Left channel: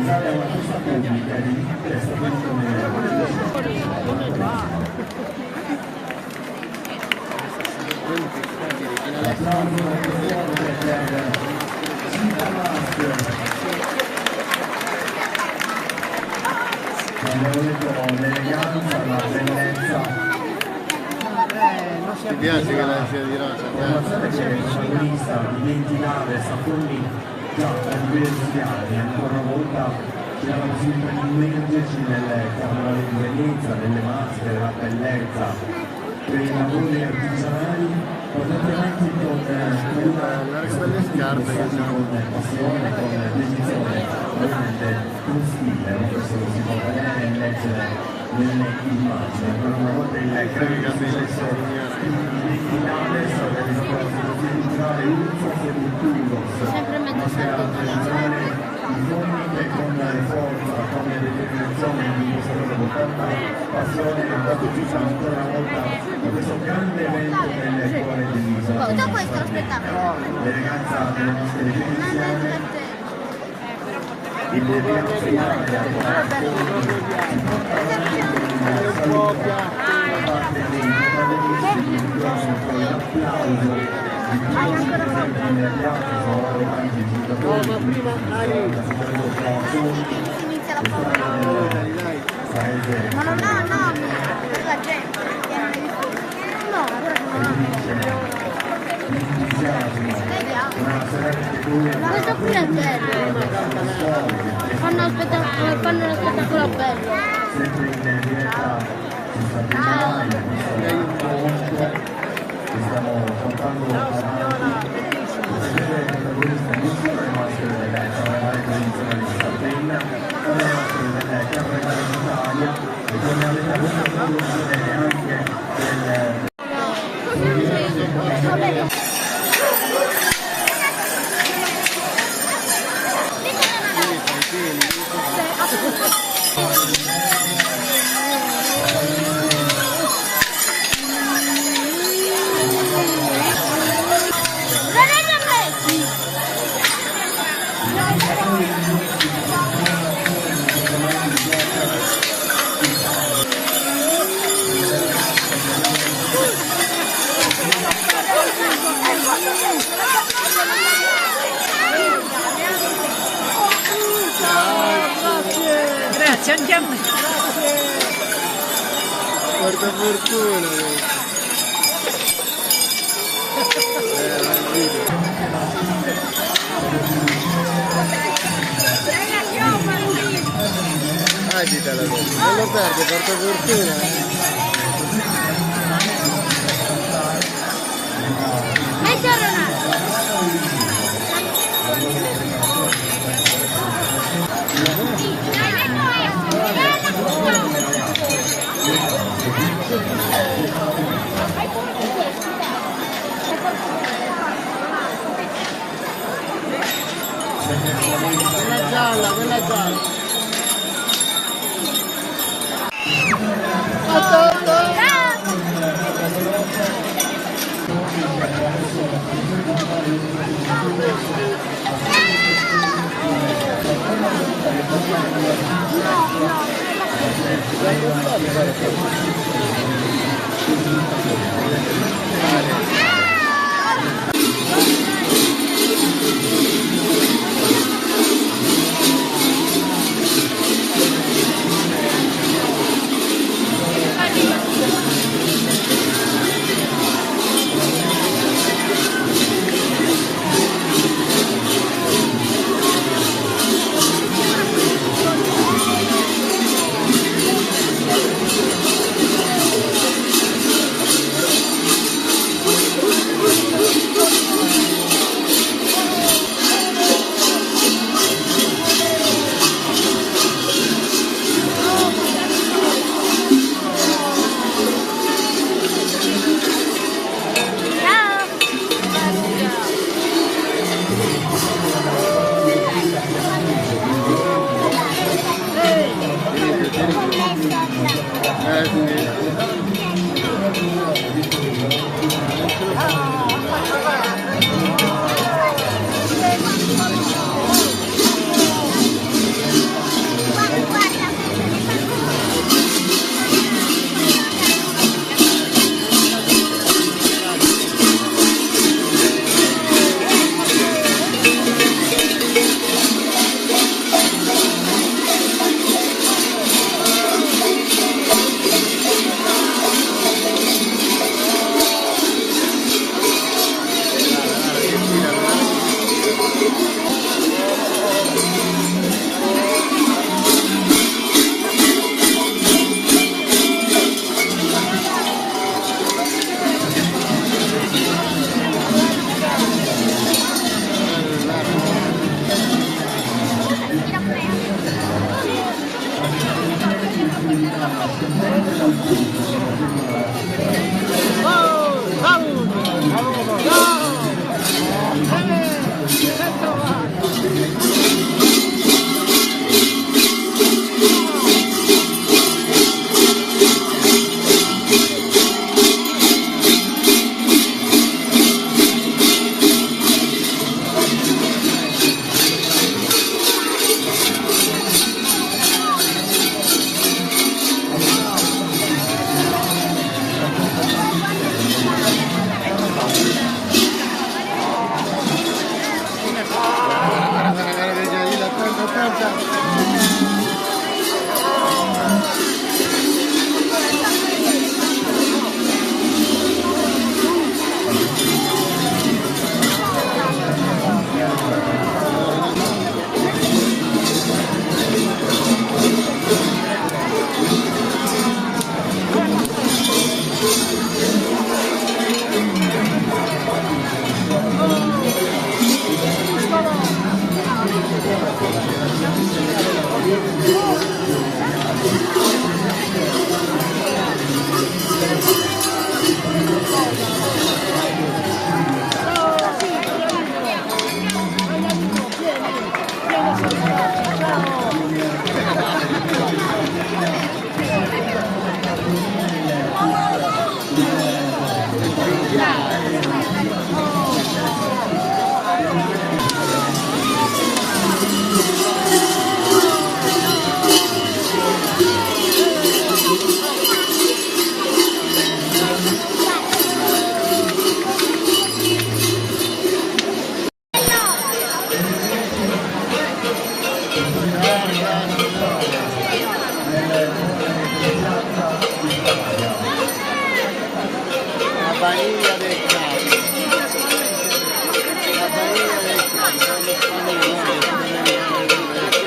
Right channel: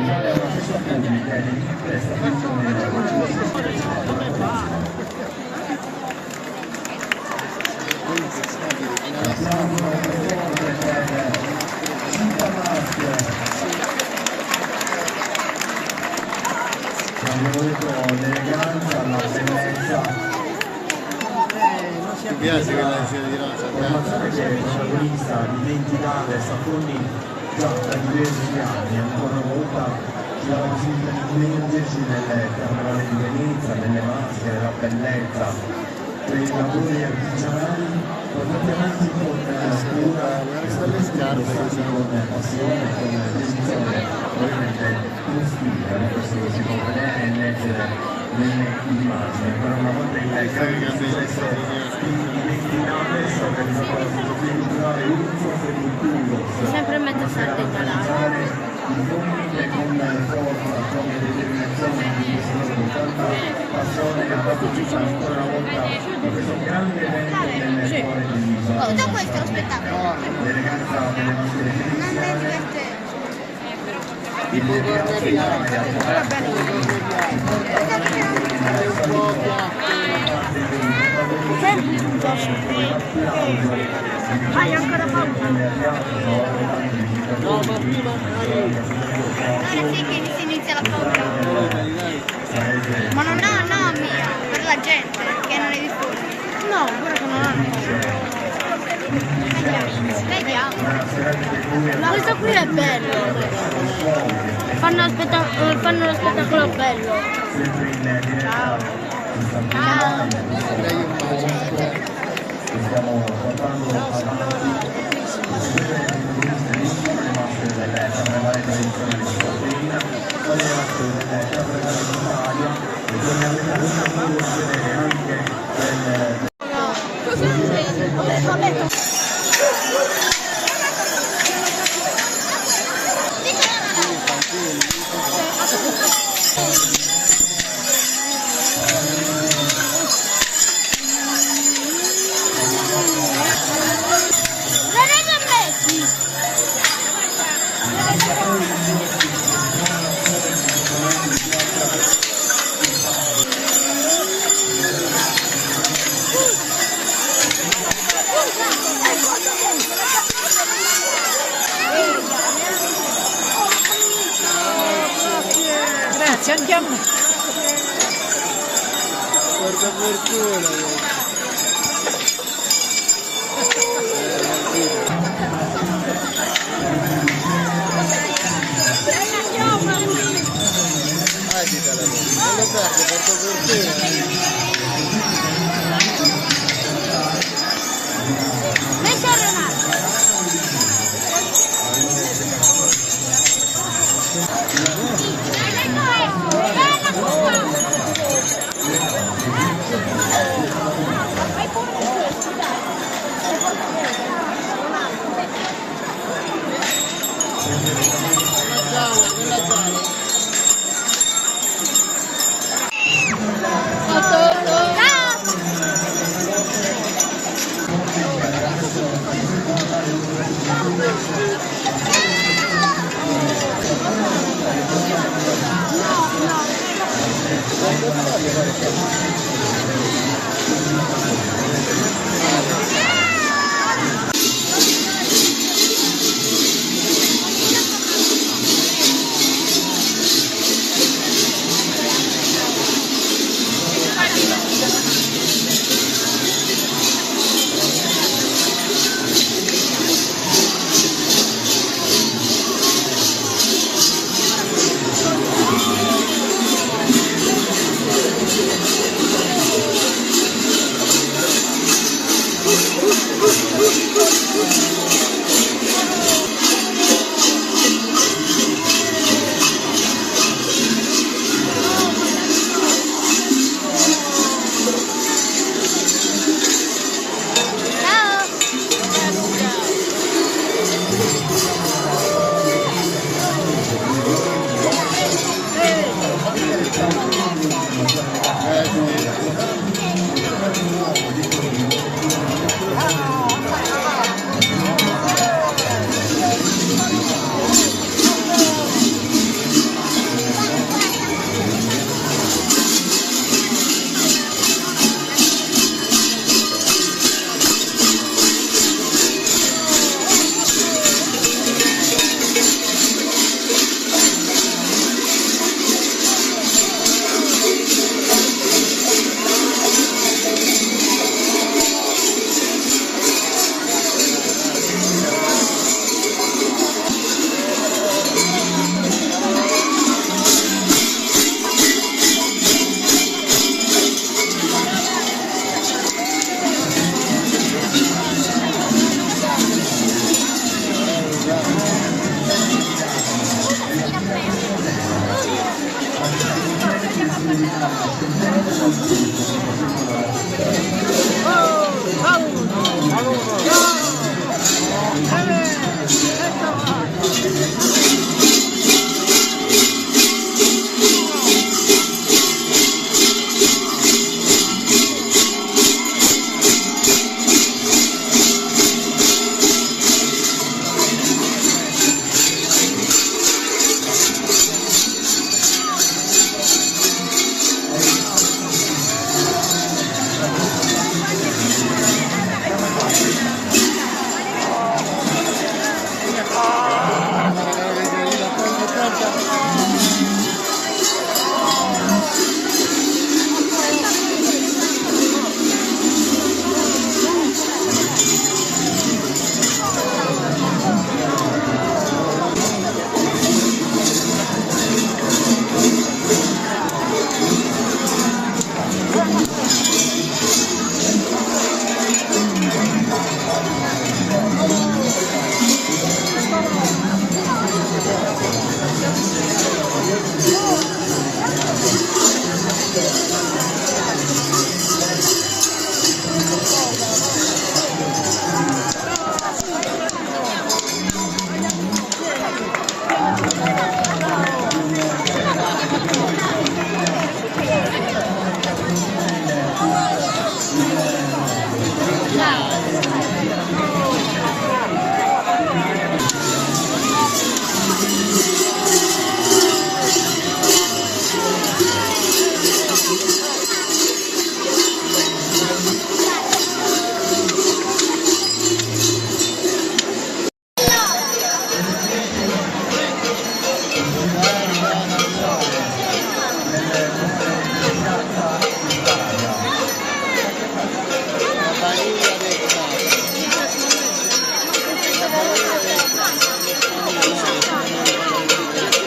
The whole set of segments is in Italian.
usate la stessa tecnica di investimento nella della Corazza. Abbiamo avuto l'eleganza, la bellezza. Mi piace che la scia di rosa. Pensate che il protagonista dimenticava Sacconi già da diversi anni, ancora una volta ci la possibilità di immergerci nelle carnevale di Venezia, nelle maschere, la bellezza, per i lavori artigianali portati avanti con cura, con passione, con dedizione, ovviamente con stile, questo si può vedere leggere nelle immagini. Ancora una volta il grande successo indimenticabile è organizzato dall'associazione culturale Urso Futuro, sempre maschera per realizzare il monte con forza, con determinazione di questa con tanta passione e partecipa ancora una volta a questo grande evento nelle scuole dell'isola. Tutto questo lo spettacolo. L'eleganza delle maschere di Non è edizione, divertente. Tipo corne bianche. È un po' piatto. No, ma prima dai. Sì, che si inizia la foto. Allora, dai. Ma non ha nomi, per la gente che non è diffusa. No, ancora che non hanno. Vediamo. Ma questo qui è bello. Fanno lo spettacolo bello. Dai un bacio. Stiamo portando avanti le maschere delle carnevale tradizionali slovena, con le maschere delle carnevale d'Italia e con la evoluzione anche del Grazie, andiamo. Porca fortuna. Agitala, non lo perde, porta fortuna. Quella gialla. La Bahia del Cambio,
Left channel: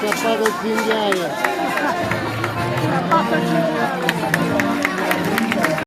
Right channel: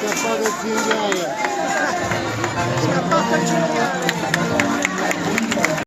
scappato il cinghiale.